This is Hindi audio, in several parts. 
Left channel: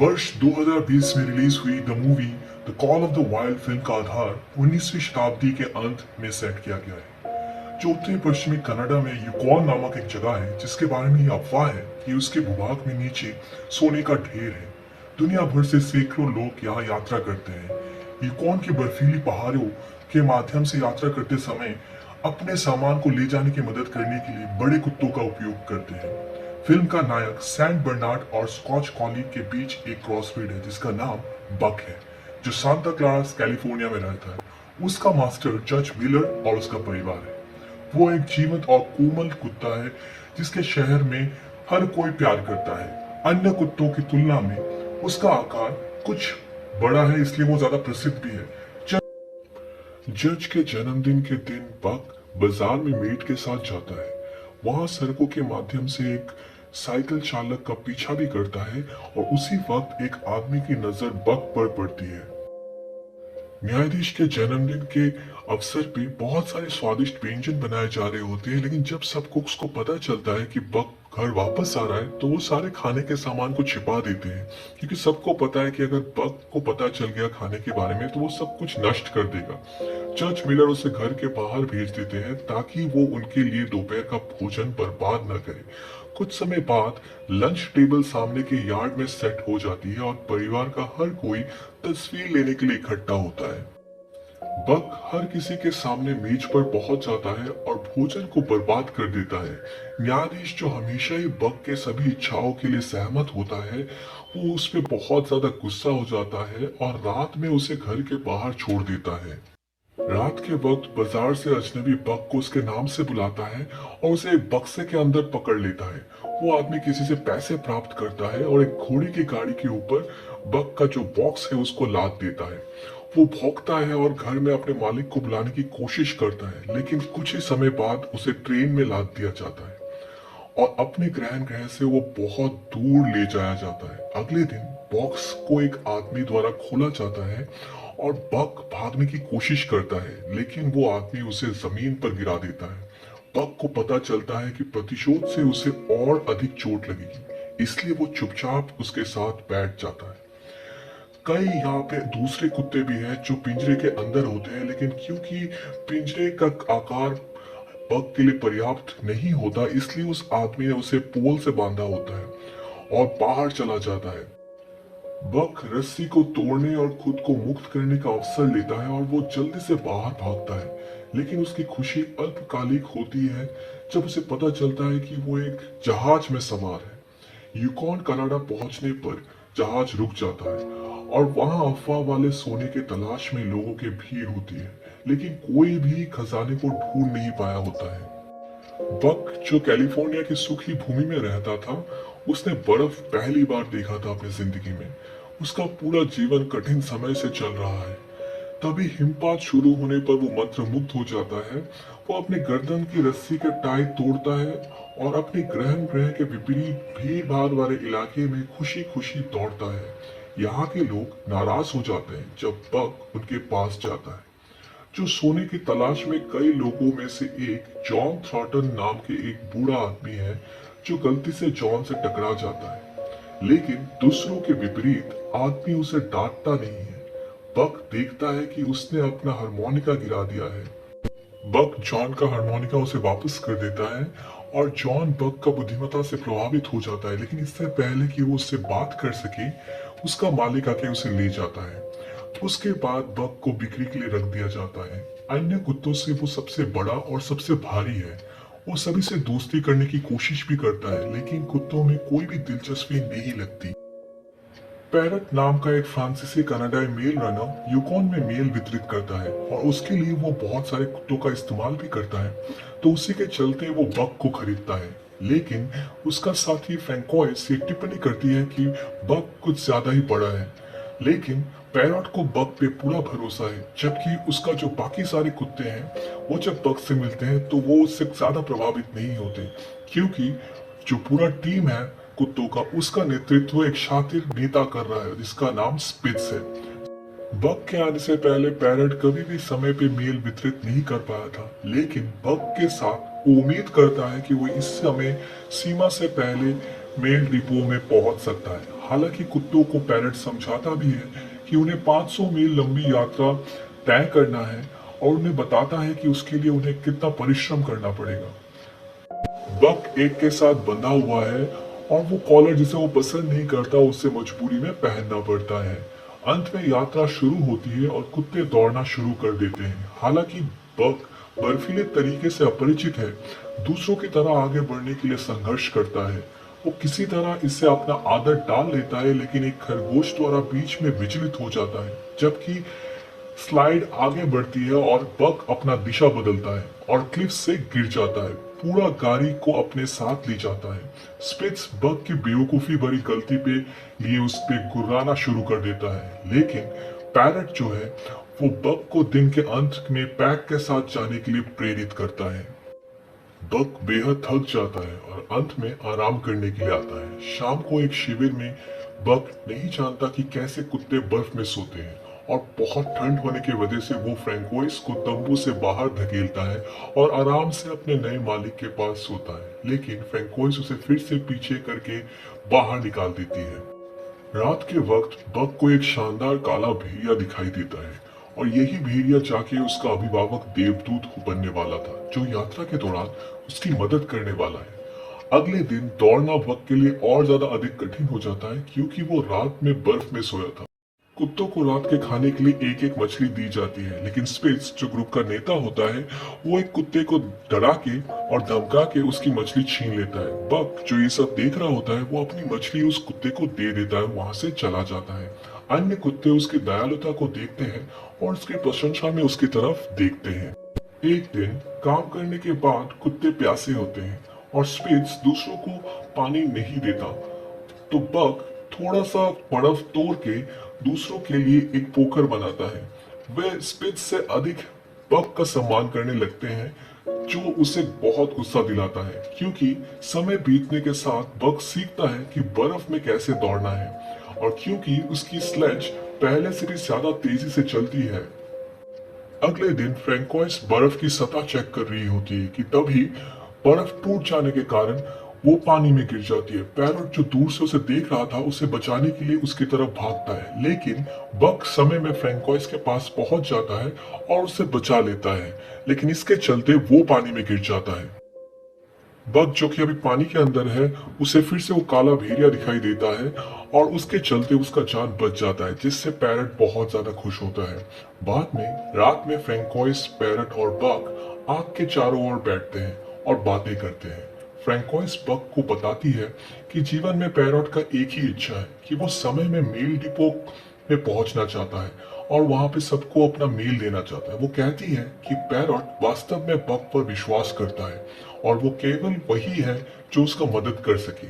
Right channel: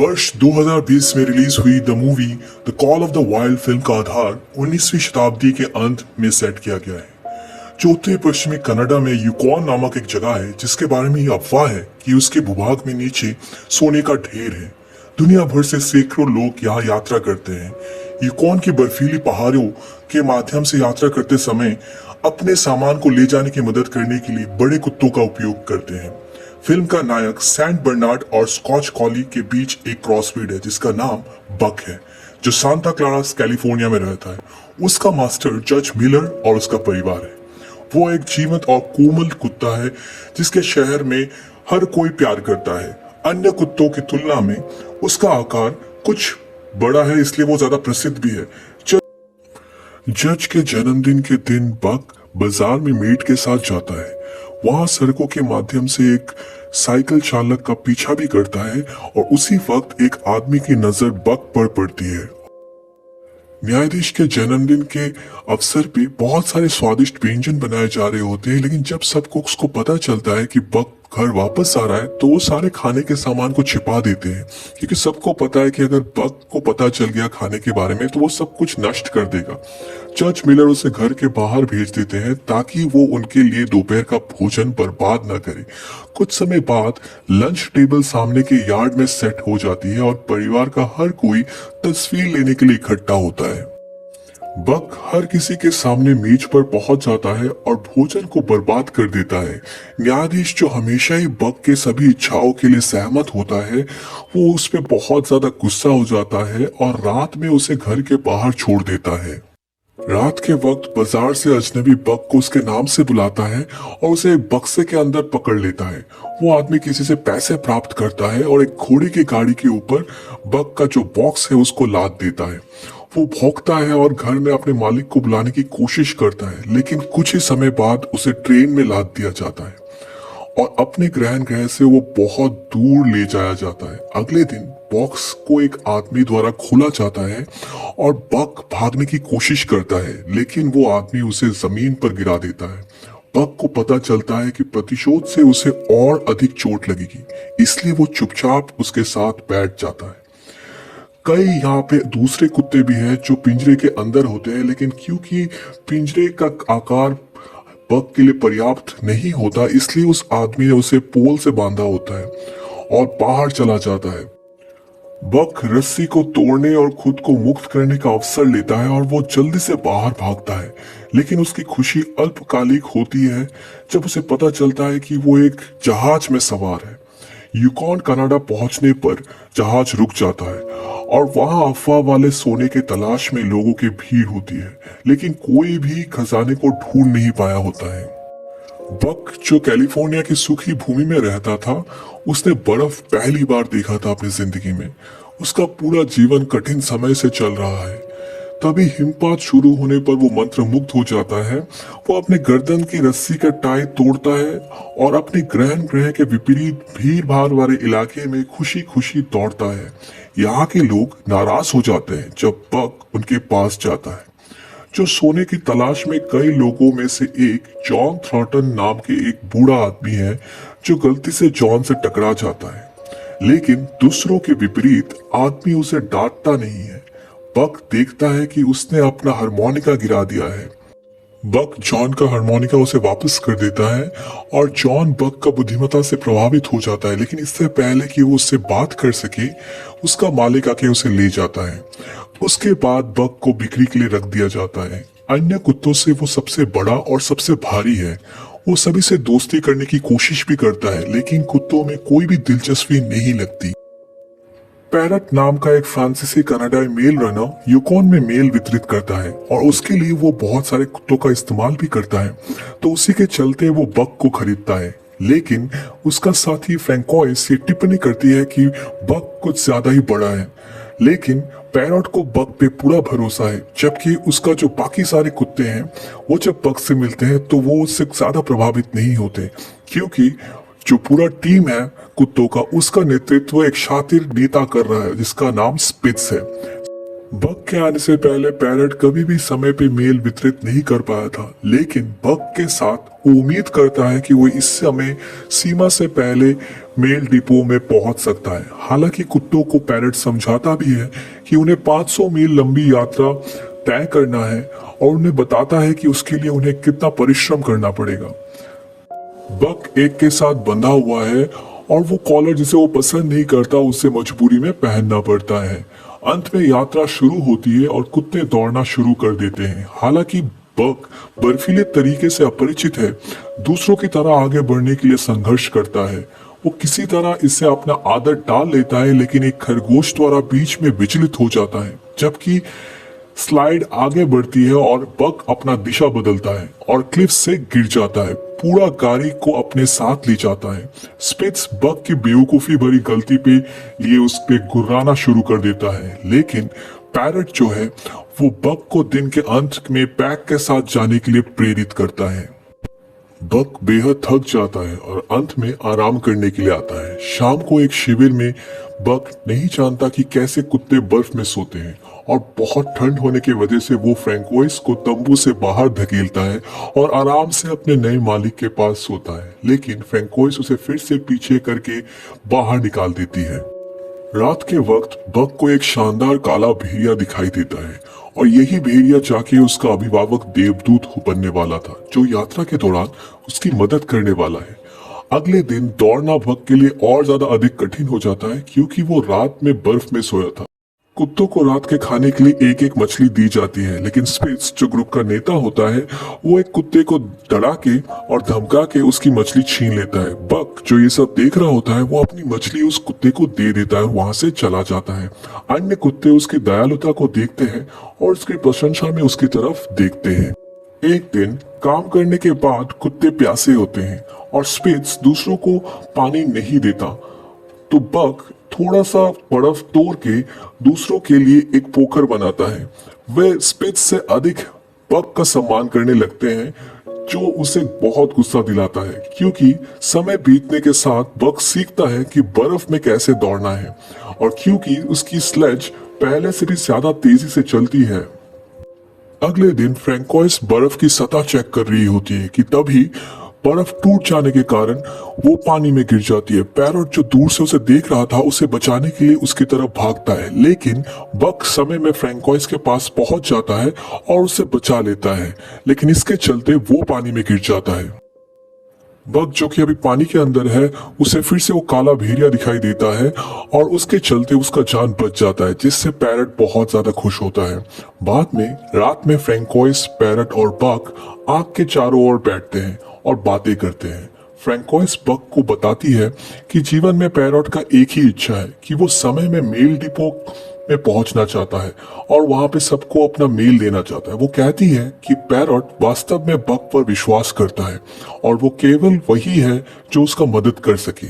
वर्ष 2020 में रिलीज हुई the movie the call of the wild film का आधार 19वीं शताब्दी के अंत में सेट किया गया है, जो उत्तरी पश्चिमी कनाडा में यूकॉन नामक एक जगह है जिसके बारे में ये अफवाह है कि उसके भूभाग में नीचे सोने का ढेर है। दुनिया भर से सैकड़ों लोग यहाँ यात्रा करते हैं। यूकॉन की बर्फीली पहाड़ों के माध्यम से यात्रा करते समय अपने सामान को ले जाने की मदद करने के लिए बड़े कुत्तों का उपयोग करते हैं। फिल्म का नायक सैंट बर्नार्ड और स्कॉच कॉली के बीच एक क्रॉसब्रीड है जिसका नाम बक है, जो सांता क्लारा कैलिफोर्निया में रहता है। उसका मास्टर जज मिलर और उसका परिवार है। वो एक जीवंत और कोमल कुत्ता है जिसके शहर में हर कोई प्यार करता है। अन्य कुत्तों की तुलना में उसका आकार कुछ बड़ा है, इसलिए वो ज्यादा प्रसिद्ध भी है। जज के जन्मदिन के दिन बक बाजार में मीट के साथ जाता है। वहां सड़कों के माध्यम से एक साइकिल चालक का पीछा भी करता है और उसी वक्त एक आदमी की नजर बक पर पड़ती है। न्यायाधीश के जन्मदिन के अवसर पे बहुत सारे स्वादिष्ट व्यंजन बनाए जा रहे होते हैं, लेकिन जब सब कुक्स को पता चलता है कि बक घर वापस आ रहा है तो वो सारे खाने के सामान को छिपा देते हैं, क्योंकि सबको पता है कि अगर बक को पता चल गया खाने के बारे में तो वो सब कुछ नष्ट कर देगा। जज मिलर उसे घर के बाहर भेज देते हैं ताकि वो उनके लिए दोपहर का भोजन बर्बाद न करे। कुछ समय बाद लंच टेबल सामने के यार्ड में सेट हो जाती है और परिवार का हर कोई तस्वीर लेने के लिए इकट्ठा होता है। बक हर किसी के सामने मेज पर पहुंच जाता है और भोजन को बर्बाद कर देता है। न्यायाधीश, जो हमेशा ही बक के सभी इच्छाओं के लिए सहमत होता है, वो उस पर बहुत ज्यादा गुस्सा हो जाता है और रात में उसे घर के बाहर छोड़ देता है। रात के वक्त बाजार से अजनबी बक को उसके नाम से बुलाता है और उसे एक बक्से के अंदर पकड़ लेता है। वो आदमी किसी से पैसे प्राप्त करता है और एक घोड़े की गाड़ी के ऊपर बक का जो बॉक्स है उसको लाद देता है। वो भौंकता है और घर में अपने मालिक को बुलाने की कोशिश करता है, लेकिन कुछ ही समय बाद उसे ट्रेन में लाद दिया जाता है और अपने ग्रह से वो बहुत दूर ले जाया जाता है। अगले दिन बॉक्स को एक आदमी द्वारा खोला जाता है और बक भागने की कोशिश करता है, लेकिन वो आदमी उसे जमीन पर गिरा देता है। बक को पता चलता है कि प्रतिशोध से उसे और अधिक चोट लगेगी, इसलिए वो चुपचाप उसके साथ बैठ जाता है। कई यहाँ पे दूसरे कुत्ते भी हैं जो पिंजरे के अंदर होते हैं, लेकिन क्योंकि पिंजरे का आकार बक के लिए पर्याप्त नहीं होता, इसलिए उस आदमी ने उसे पोल से बांधा होता है और बाहर चला जाता है। बक रस्सी को तोड़ने और खुद को मुक्त करने का अवसर लेता है और वो जल्दी से बाहर भागता है, लेकिन उसकी खुशी अल्पकालिक होती है जब उसे पता चलता है कि वो एक जहाज में सवार है। यूकॉन कनाडा पहुंचने पर जहाज रुक जाता है और वहां अफवाह वाले सोने के तलाश में लोगों की भीड़ होती है, लेकिन कोई भी खजाने को ढूंढ नहीं पाया होता है। बक, जो कैलिफोर्निया की सूखी भूमि में रहता था, उसने बर्फ पहली बार देखा था अपनी जिंदगी में। उसका पूरा जीवन कठिन समय से चल रहा है। तभी हिमपात शुरू होने पर वो मंत्रमुग्ध हो जाता है। वो अपने गर्दन की रस्सी का टाई तोड़ता है और अपने ग्रह के विपरीत भीड़ भाड़ वाले इलाके में खुशी खुशी दौड़ता है। यहाँ के लोग नाराज हो जाते हैं जब बक उनके पास जाता है। जो सोने की तलाश में गए लोगों में से एक जॉन थ्रॉटन नाम के एक बूढ़ा आदमी है, जो गलती से जॉन से टकरा जाता है, लेकिन दूसरों के विपरीत आदमी उसे डांटता नहीं है। बक देखता है कि उसने अपना हारमोनिका गिरा दिया है। बक जॉन का हारमोनिका उसे वापस कर देता है और जॉन बक का बुद्धिमत्ता से प्रभावित हो जाता है, लेकिन इससे पहले कि वो उससे बात कर सके, उसका मालिक आके उसे ले जाता है। उसके बाद बक को बिक्री के लिए रख दिया जाता है। अन्य कुत्तों से वो सबसे बड़ा और सबसे भारी है। वो सभी से दोस्ती करने की कोशिश भी करता है, लेकिन कुत्तों में कोई भी दिलचस्पी नहीं लगती। पैरट नाम का एक फ्रांसीसी कनाडाई मेल रनर यूकॉन में मेल वितरित करता है और उसके लिए वो बहुत सारे कुत्तों का इस्तेमाल भी करता है, तो उसी के चलते वो बक को खरीदता है। लेकिन उसका साथी फ्रैंकोइस ये टिप्पणी करती है कि बक कुछ ज्यादा ही बड़ा है, लेकिन पैरट को बक पे पूरा भरोसा है, जबकि उसका जो बाकी सारे कुत्ते हैं वो जब बक से मिलते हैं तो वो उससे ज्यादा प्रभावित नहीं होते, क्योंकि जो पूरा टीम है कुत्तों का, उसका नेतृत्व एक शातिर नेता कर रहा है जिसका नाम स्पिट्स है। बक के आने से पहले पैरट कभी भी समय पे मेल वितरित नहीं कर पाया था, लेकिन बक के साथ उम्मीद करता है कि वो इस समय सीमा से पहले मेल डिपो में पहुंच सकता है। हालांकि कुत्तों को पैरट समझाता भी है कि उन्हें 500 मील लंबी यात्रा तय करना है और उन्हें बताता है कि उसके लिए उन्हें कितना परिश्रम करना पड़ेगा। बक एक के साथ बंधा हुआ है और वो कॉलर जिसे वो पसंद नहीं करता उसे मजबूरी में पहनना पड़ता है। अंत में यात्रा शुरू होती है और कुत्ते दौड़ना शुरू कर देते हैं। हालांकि बक बर्फीले तरीके से अपरिचित है, दूसरों की तरह आगे बढ़ने के लिए संघर्ष करता है। वो किसी तरह इससे अपना आदत डाल लेता है, लेकिन एक खरगोश द्वारा बीच में विचलित हो जाता है। जबकि स्लाइड आगे बढ़ती है और बक अपना दिशा बदलता है और क्लिफ से गिर जाता है। पूरा गाड़ी को अपने साथ ले जाता है। स्पिट्स बक की बेवकूफी भरी गलती पे लिए उस पे गुर्राना शुरू कर देता है, लेकिन पैरट जो है वो बक को दिन के अंत में पैक के साथ जाने के लिए प्रेरित करता है। बक बेहद थक जाता है और अंत में आराम करने के लिए आता है। शाम को एक शिविर में बक नहीं जानता कि कैसे कुत्ते बर्फ में सोते हैं और बहुत ठंड होने की वजह से वो फ्रैंकोइस को तंबू से बाहर धकेलता है और आराम से अपने नए मालिक के पास सोता है, लेकिन फ्रैंकोइस उसे फिर से पीछे करके बाहर निकाल देती है। रात के वक्त बक को एक शानदार काला भेड़िया दिखाई देता है और यही भेड़िया जाके उसका अभिभावक देवदूत बनने वाला था, जो यात्रा के दौरान उसकी मदद करने वाला है। अगले दिन दौड़ना बक के लिए और ज्यादा अधिक कठिन हो जाता है क्योंकि वो रात में बर्फ में सोया था। कुत्तों को रात के खाने के लिए एक एक मछली दी जाती है, लेकिन स्पिट्स जो ग्रुप का नेता होता है वो एक कुत्ते को डरा के और धमका के उसकी मछली छीन लेता है। बक जो ये सब देख रहा होता है वो अपनी मछली उस कुत्ते को दे देता है, वहां से चला जाता है। अन्य कुत्ते उसकी दयालुता को देखते हैं और उसकी प्रशंसा में उसकी तरफ देखते हैं। एक दिन काम करने के बाद कुत्ते प्यासे होते हैं और स्पिट्स दूसरों को पानी नहीं देता, तो बक थोड़ा सा बर्फ तोड़ के दूसरों के लिए एक पोखर बनाता है। वे स्पिट्स से अधिक बक का सम्मान करने लगते हैं, जो उसे बहुत गुस्सा दिलाता है क्योंकि समय बीतने के साथ बक सीखता है कि बर्फ में कैसे दौड़ना है और क्योंकि उसकी स्लेज पहले से भी ज्यादा तेजी से चलती है। अगले दिन फ्रैंकोइस बर्फ की सतह चेक कर रही होती है कि तभी बर्फ टूट जाने के कारण वो पानी में गिर जाती है। पैरट जो दूर से उसे देख रहा था उसे बचाने के लिए उसकी तरफ भागता है, लेकिन बक समय में फ्रैंकोइस के पास पहुंच जाता है और उसे बचा लेता है, लेकिन इसके चलते वो पानी में गिर जाता है। बक जो कि अभी पानी के अंदर है उसे फिर से वो काला भेड़िया दिखाई देता है और उसके चलते उसका जान बच जाता है, जिससे पैरट बहुत ज्यादा खुश होता है। बाद में रात में फ्रैंकोइस, पैरट और बक आग के चारों ओर बैठते हैं और बातें करते हैं। फ्रैंकोइस बक को बताती है कि जीवन में पैरट का एक ही इच्छा है कि वो समय में मेल डिपो में पहुंचना चाहता है और वहां पे सबको अपना मेल देना चाहता है। वो कहती है कि पैरट वास्तव में बक पर विश्वास करता है और वो केवल वही है जो उसका मदद कर सके।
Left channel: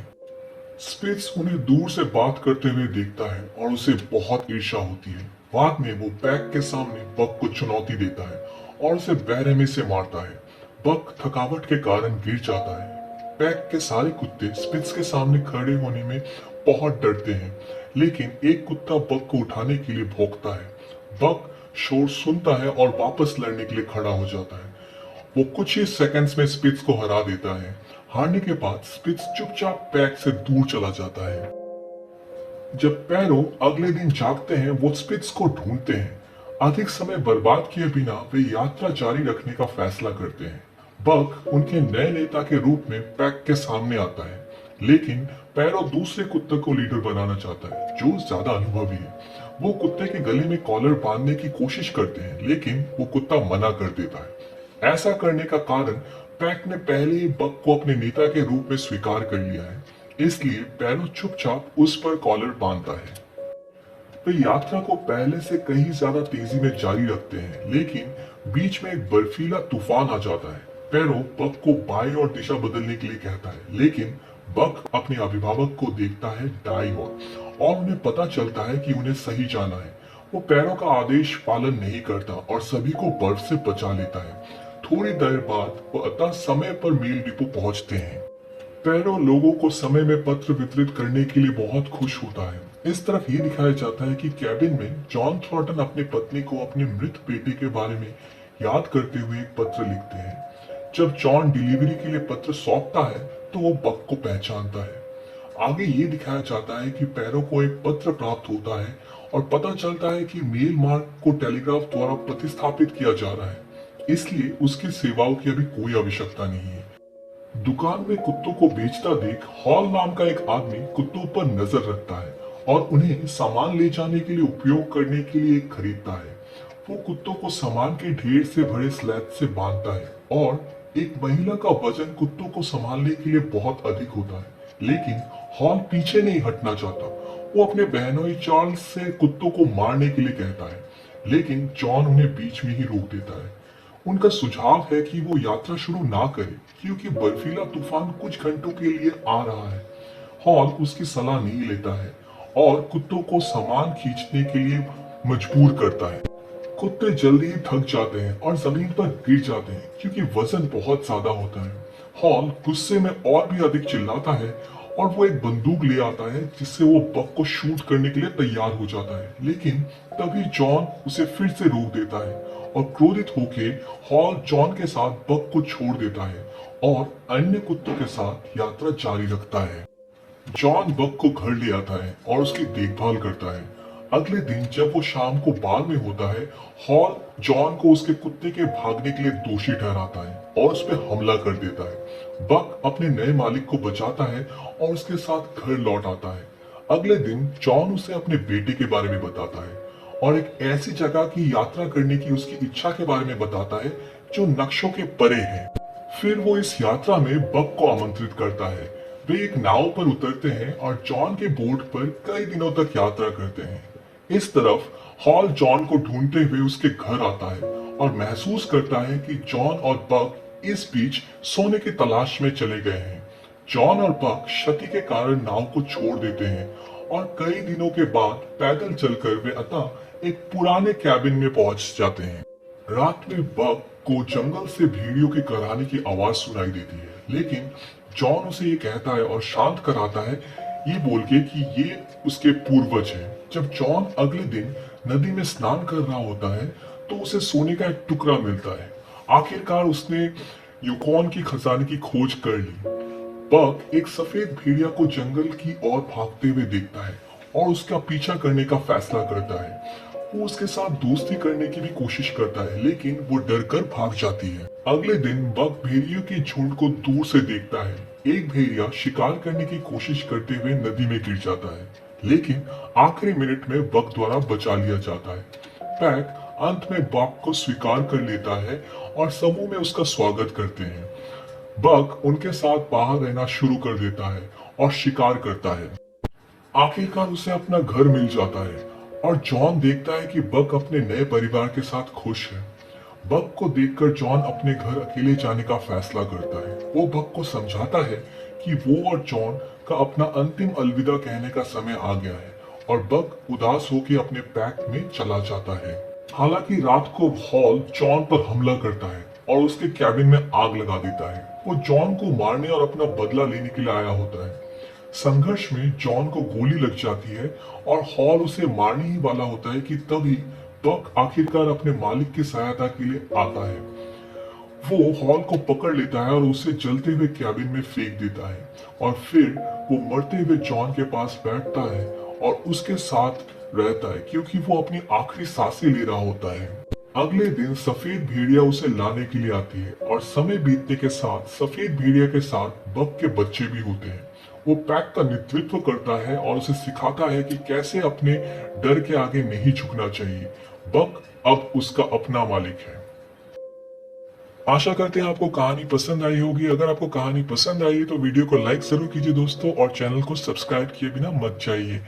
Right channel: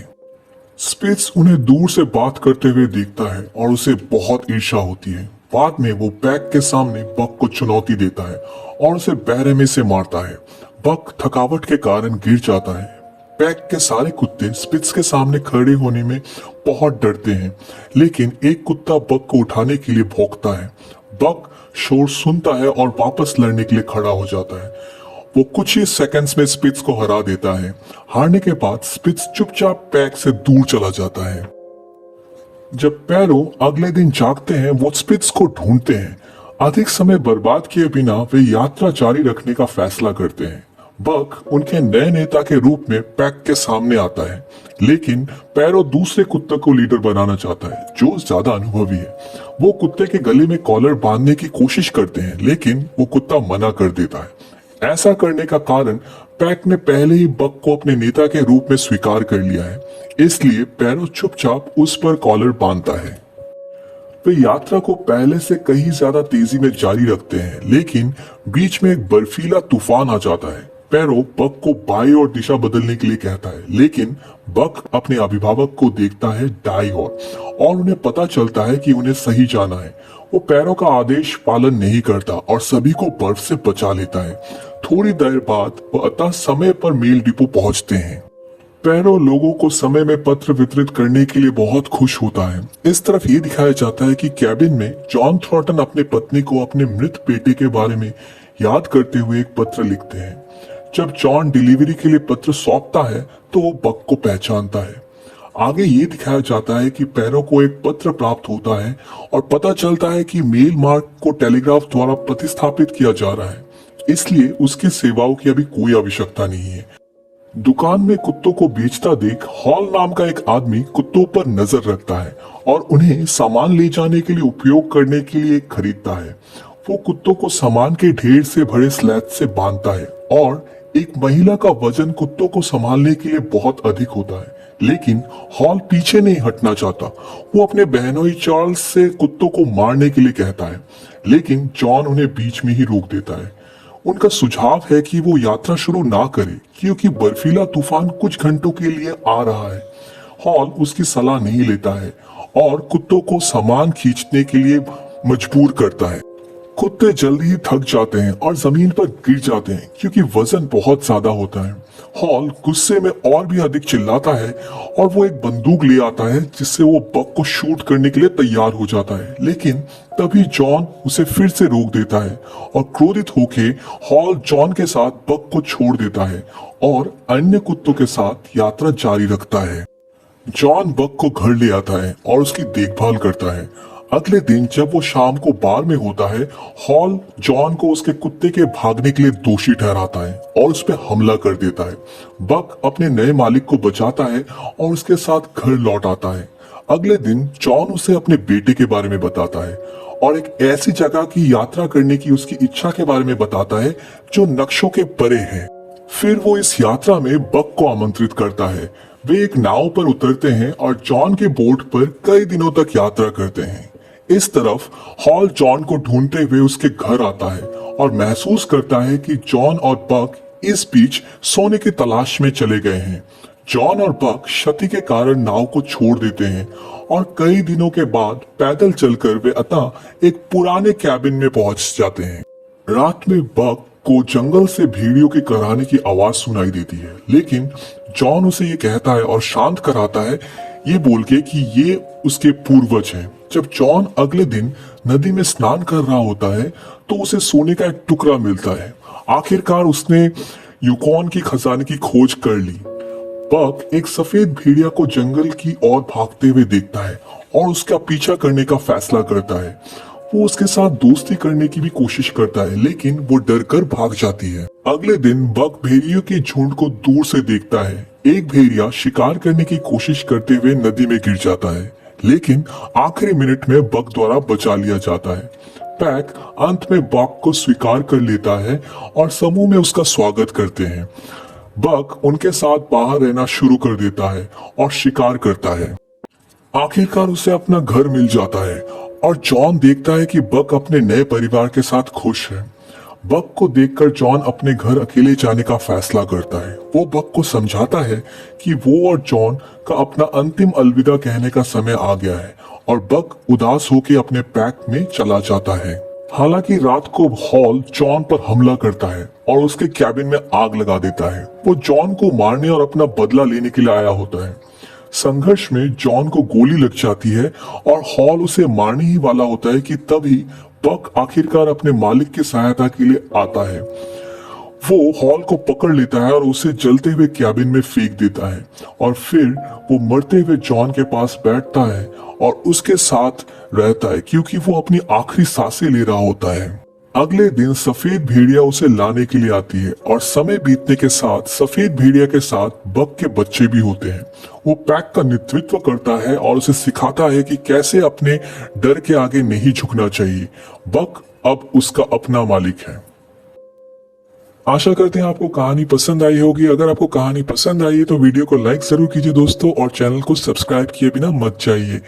स्पिट्स उन्हें दूर से बात करते हुए देखता है और उसे बहुत ईर्ष्या होती है। बाद में वो पैक के सामने बक को चुनौती देता है और उसे बहरे में से मारता है। बक थकावट के कारण गिर जाता है। पैक के सारे कुत्ते स्पिट्स के सामने खड़े होने में बहुत डरते हैं, लेकिन एक कुत्ता बक को उठाने के लिए भौंकता है। बक शोर सुनता है और वापस लड़ने के लिए खड़ा हो जाता है। वो कुछ ही सेकंड्स में स्पिट्स को हरा देता है। हारने के बाद स्पिट्स चुपचाप पैक से दूर चला जाता है। जब पैरो अगले दिन जागते हैं वो स्पिट्स को ढूंढते हैं। अधिक समय बर्बाद किए बिना वे यात्रा जारी रखने का फैसला करते हैं। बक उनके नए नेता के रूप में पैक के सामने आता है, लेकिन पैरो दूसरे कुत्ते को लीडर बनाना चाहता है जो ज्यादा अनुभवी है। वो कुत्ते के गले में कॉलर बांधने की कोशिश करते हैं, लेकिन वो कुत्ता मना कर देता है। ऐसा करने का कारण पैक ने पहले ही बक को अपने नेता के रूप में स्वीकार कर लिया है, इसलिए पैरो चुपचाप उस पर कॉलर बांधता है। वे यात्रा को पहले से कहीं ज्यादा तेजी में जारी रखते हैं, लेकिन बीच में एक बर्फीला तूफान आ जाता है। पैरो बक को बाएं ओर दिशा बदलने के लिए कहता है, लेकिन बक अपने अभिभावक को देखता है दाईं ओर और उन्हें पता चलता है कि उन्हें सही जाना है। वो पैरो का आदेश पालन नहीं करता और सभी को बर्फ से बचा लेता है। थोड़ी देर बाद वो अतः समय पर मेल डिपो पहुंचते हैं। पैरो लोगों को समय में पत्र वितरित करने के लिए बहुत खुश होता है। इस तरफ ये दिखाया जाता है कि कैबिन में जॉन थॉर्टन अपने पत्नी को अपने मृत बेटे के बारे में याद करते हुए एक पत्र लिखते हैं। जब जॉन डिलीवरी के लिए पत्र सौंपता है तो वो बक को पहचानता है। आगे ये दिखाया जाता है कि पैरो को एक पत्र प्राप्त होता है और पता चलता है कि मेल मार्क को टेलीग्राफ द्वारा प्रतिस्थापित किया जा रहा है, इसलिए उसकी सेवाओं की अभी कोई आवश्यकता नहीं है। दुकान में कुत्तों को बेचता देख हॉल नाम का एक आदमी कुत्तों पर नजर रखता है और उन्हें सामान ले जाने के लिए उपयोग करने के लिए खरीदता है। वो कुत्तों को सामान के ढेर से भरे स्लैब से बांधता है और एक महिला का वजन कुत्तों को संभालने के लिए बहुत अधिक होता है, लेकिन हॉल पीछे नहीं हटना चाहता। वो अपने बहनोई चार्ल्स से कुत्तों को मारने के लिए कहता है, लेकिन जॉन उन्हें बीच में ही रोक देता है। उनका सुझाव है कि वो यात्रा शुरू ना करे क्योंकि बर्फीला तूफान कुछ घंटों के लिए आ रहा है। हॉल उसकी सलाह नहीं लेता है और कुत्तों को सामान खींचने के लिए मजबूर करता है। कुत्ते जल्दी ही थक जाते हैं और जमीन पर गिर जाते हैं क्योंकि वजन बहुत ज्यादा होता है। हॉल गुस्से में और भी अधिक चिल्लाता है और वो एक बंदूक ले आता है जिससे वो बक को शूट करने के लिए तैयार हो जाता है, लेकिन तभी जॉन उसे फिर से रोक देता है और क्रोधित होके हॉल जॉन के साथ बक को छोड़ देता है और अन्य कुत्तों के साथ यात्रा जारी रखता है। जॉन बक को घर ले आता है और उसकी देखभाल करता है। अगले दिन जब वो शाम को बार में होता है, हॉल जॉन को उसके कुत्ते के भागने के लिए दोषी ठहराता है और उस पर हमला कर देता है। बक अपने नए मालिक को बचाता है और उसके साथ घर लौट आता है। अगले दिन जॉन उसे अपने बेटे के बारे में बताता है और एक ऐसी जगह की यात्रा करने की उसकी इच्छा के बारे में बताता है जो नक्शों के परे है। फिर वो इस यात्रा में बक को आमंत्रित करता है। वे एक नाव पर उतरते हैं और जॉन के बोट पर कई दिनों तक यात्रा करते हैं। इस तरफ हॉल जॉन को ढूंढते हुए उसके घर आता है और महसूस करता है कि जॉन और बक इस बीच सोने की तलाश में चले गए हैं। जॉन और बक क्षति के कारण नाव को छोड़ देते हैं और कई दिनों के बाद पैदल चलकर वे अतः एक पुराने कैबिन में पहुंच जाते हैं। रात में बक को जंगल से भेड़ियों के कराने की आवाज सुनाई देती है, लेकिन जॉन उसे ये कहता है और शांत कराता है ये बोल के कि ये उसके पूर्वज हैं। जब जॉन अगले दिन नदी में स्नान कर रहा होता है तो उसे सोने का एक टुकड़ा मिलता है। आखिरकार उसने यूकॉन की खजाने की खोज कर ली। बक एक सफेद भेड़िया को जंगल की ओर भागते हुए देखता है और उसका पीछा करने का फैसला करता है। वो उसके साथ दोस्ती करने की भी कोशिश करता है, लेकिन वो डरकर भाग जाती है। अगले दिन बक भेड़ियों के झुंड को दूर से देखता है। एक भेड़िया शिकार करने की कोशिश करते हुए नदी में गिर जाता है, लेकिन आखिरी मिनट में बक द्वारा बचा लिया जाता है। पैक अंत में बक को स्वीकार कर लेता है और समूह में उसका स्वागत करते हैं। बक उनके साथ बाहर रहना शुरू कर देता है और शिकार करता है। आखिरकार उसे अपना घर मिल जाता है और जॉन देखता है कि बक अपने नए परिवार के साथ खुश है। बक को देखकर जॉन अपने घर अकेले जाने का फैसला करता है। वो बक को समझाता है कि वो और जॉन का अपना अंतिम अलविदा कहने का समय आ गया है और बक उदास होकर अपने पैक में चला जाता है। हालांकि रात को हॉल जॉन पर हमला करता है और उसके कैबिन में आग लगा देता है। वो जॉन को मारने और अपना बदला लेने के लिए आया होता है। संघर्ष में जॉन को गोली लग जाती है और हॉल उसे मारने ही वाला होता है कि तभी बक आखिरकार अपने मालिक की सहायता के लिए आता है। वो हॉल को पकड़ लेता है और उसे जलते हुए कैबिन में फेंक देता है और फिर वो मरते हुए जॉन के पास बैठता है और उसके साथ रहता है क्योंकि वो अपनी आखिरी सांसें ले रहा होता है। अगले दिन सफेद भेड़िया उसे लाने के लिए आती है और समय बीतने के साथ सफेद भेड़िया के साथ बक के बच्चे भी होते हैं। वो पैक का नेतृत्व करता है और उसे सिखाता है कि कैसे अपने डर के आगे नहीं झुकना चाहिए। बक अब उसका अपना मालिक है। आशा करते हैं आपको कहानी पसंद आई होगी। अगर आपको कहानी पसंद आई है तो वीडियो को लाइक जरूर कीजिए दोस्तों और चैनल को सब्सक्राइब किए बिना मत जाइए।